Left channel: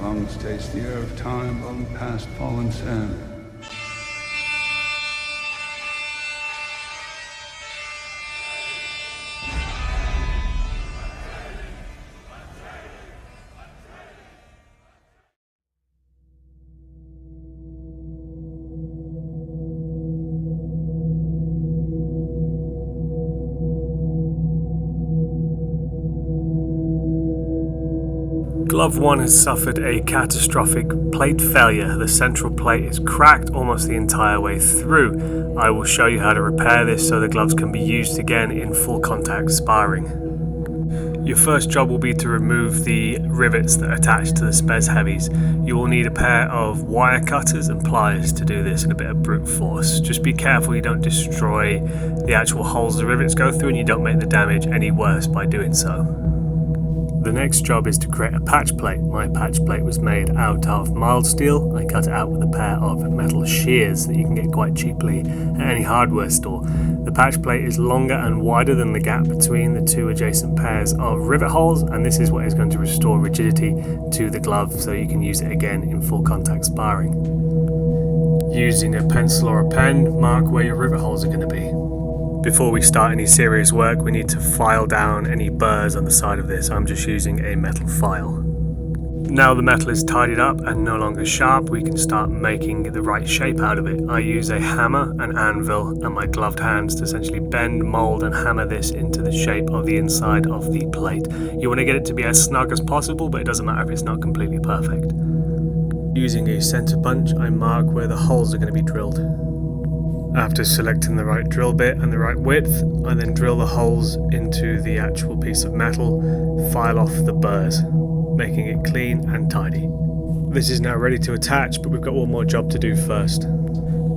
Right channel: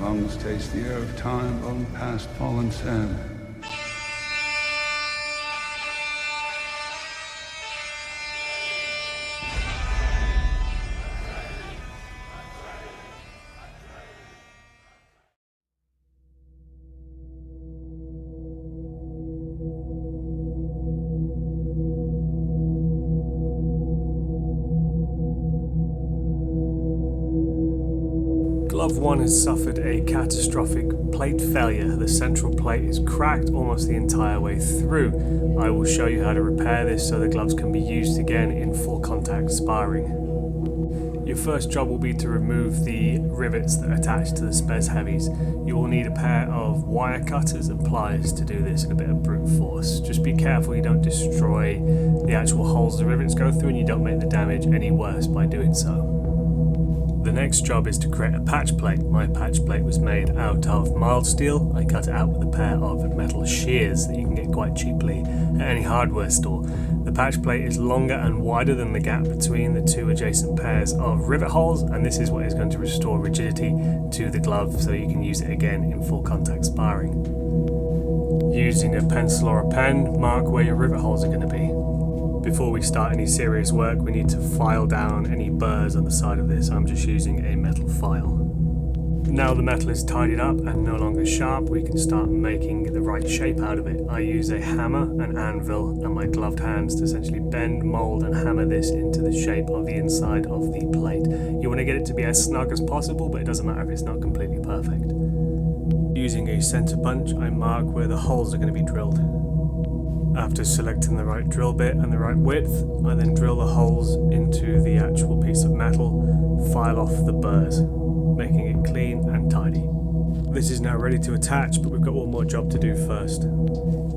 lungs taste the air of time blown past fallen sand. Glove 1 has suffered a catastrophic plate failure. The central plate is cracked almost the entire way through. I will show you how to repair this so the gloves can be used again in full contact sparring. Your first job will be to remove the rivets that attach to the Spes Heavies. You will need a pair of wire cutters and pliers to do this and a bit of brute force. Just be careful you don't destroy the actual holes the rivets go through and you don't make the damage any worse by doing so. The next job is to create a patch plate. My patch plate was made out of mild steel. I cut it out with a pair of metal shears that you can get quite cheaply at any hardware store. The patch plate is longer and wider than the gap between the two adjacent pairs of rivet holes, and this is what is going to restore rigidity to the glove so you can use it again in full contact sparring. Using a pencil or a pen, mark where your rivet holes are going to be. Before we start any serious work, we need to file down any burrs on the side of this. I'm just using a metal file. Now the metal is tidied up and no longer sharp, we can start making the right shape out of it. I use a hammer, an anvil, and my gloved hands to essentially bend, mold, and hammer this into the shape of the inside of the plate. You want to get it to be as snug as possible, but it doesn't matter if it's not completely perfect. Using a center punch, I mark where the holes are going to be drilled. After selecting the right drill bit and the right width, I then drill the holes into the actual piece of metal, file off the burrs, making it clean and tidy. This is now ready to attach, but we've got one more job to do first.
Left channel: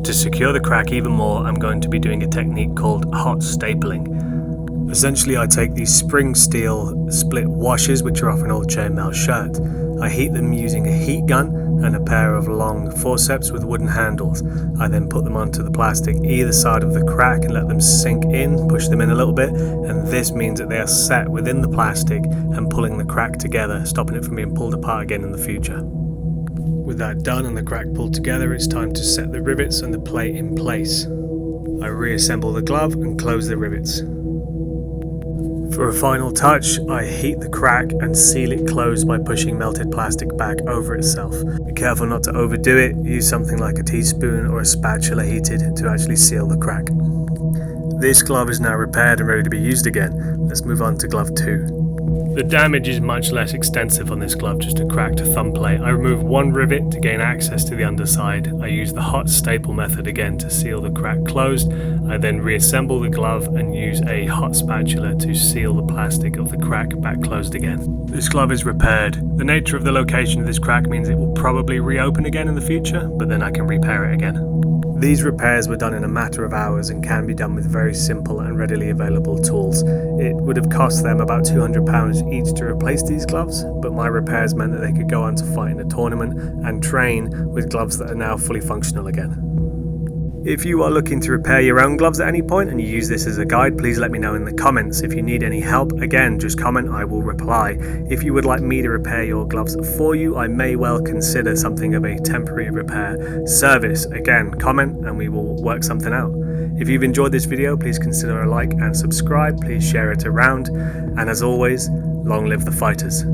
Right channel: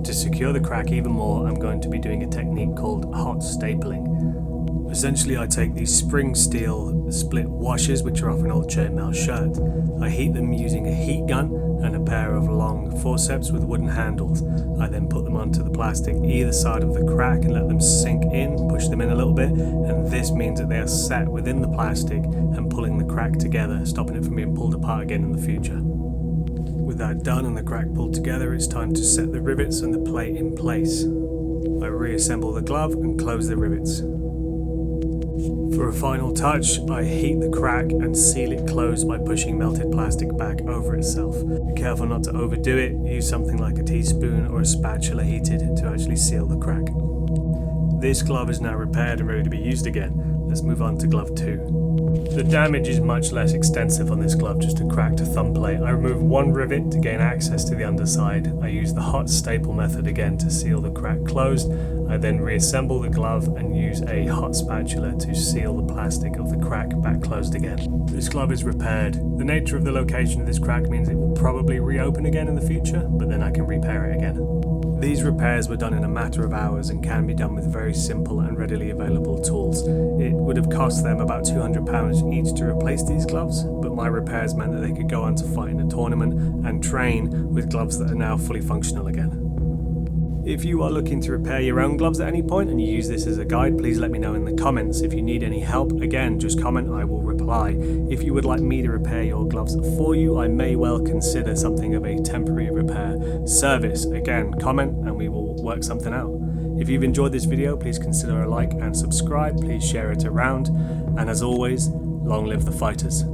To secure the crack even more, I'm going to be doing a technique called hot stapling. Essentially, I take these spring steel split washers, which are off an old chainmail shirt. I heat them using a heat gun and a pair of long forceps with wooden handles. I then put them onto the plastic either side of the crack and let them sink in, push them in a little bit, and this means that they are set within the plastic and pulling the crack together, stopping it from being pulled apart again in the future. With that done and the crack pulled together, it's time to set the rivets and the plate in place. I reassemble the glove and close the rivets. For a final touch, I heat the crack and seal it closed by pushing melted plastic back over itself. Be careful not to overdo it, use something like a teaspoon or a spatula heated to actually seal the crack. This glove is now repaired and ready to be used again. Let's move on to glove 2. The damage is much less extensive on this glove, just a cracked thumb plate. I remove one rivet to gain access to the underside. I use the hot staple method again to seal the crack closed. I then reassemble the glove and use a hot spatula to seal the plastic of the crack back closed again. This glove is repaired. The nature of the location of this crack means it will probably reopen again in the future, but then I can repair it again. These repairs were done in a matter of hours and can be done with very simple and readily available tools. It would have cost them about £200 each to replace these gloves, but my repairs meant that they could go on to fight in a tournament and train with gloves that are now fully functional again. If you are looking to repair your own gloves at any point and you use this as a guide, please let me know in the comments. If you need any help, again, just comment, I will reply. If you would like me to repair your gloves for you, I may well consider something of a temporary repair service. Again, comment and we will work something out. If you've enjoyed this video, please consider a like and subscribe. Please share it around. And as always, long live the fighters.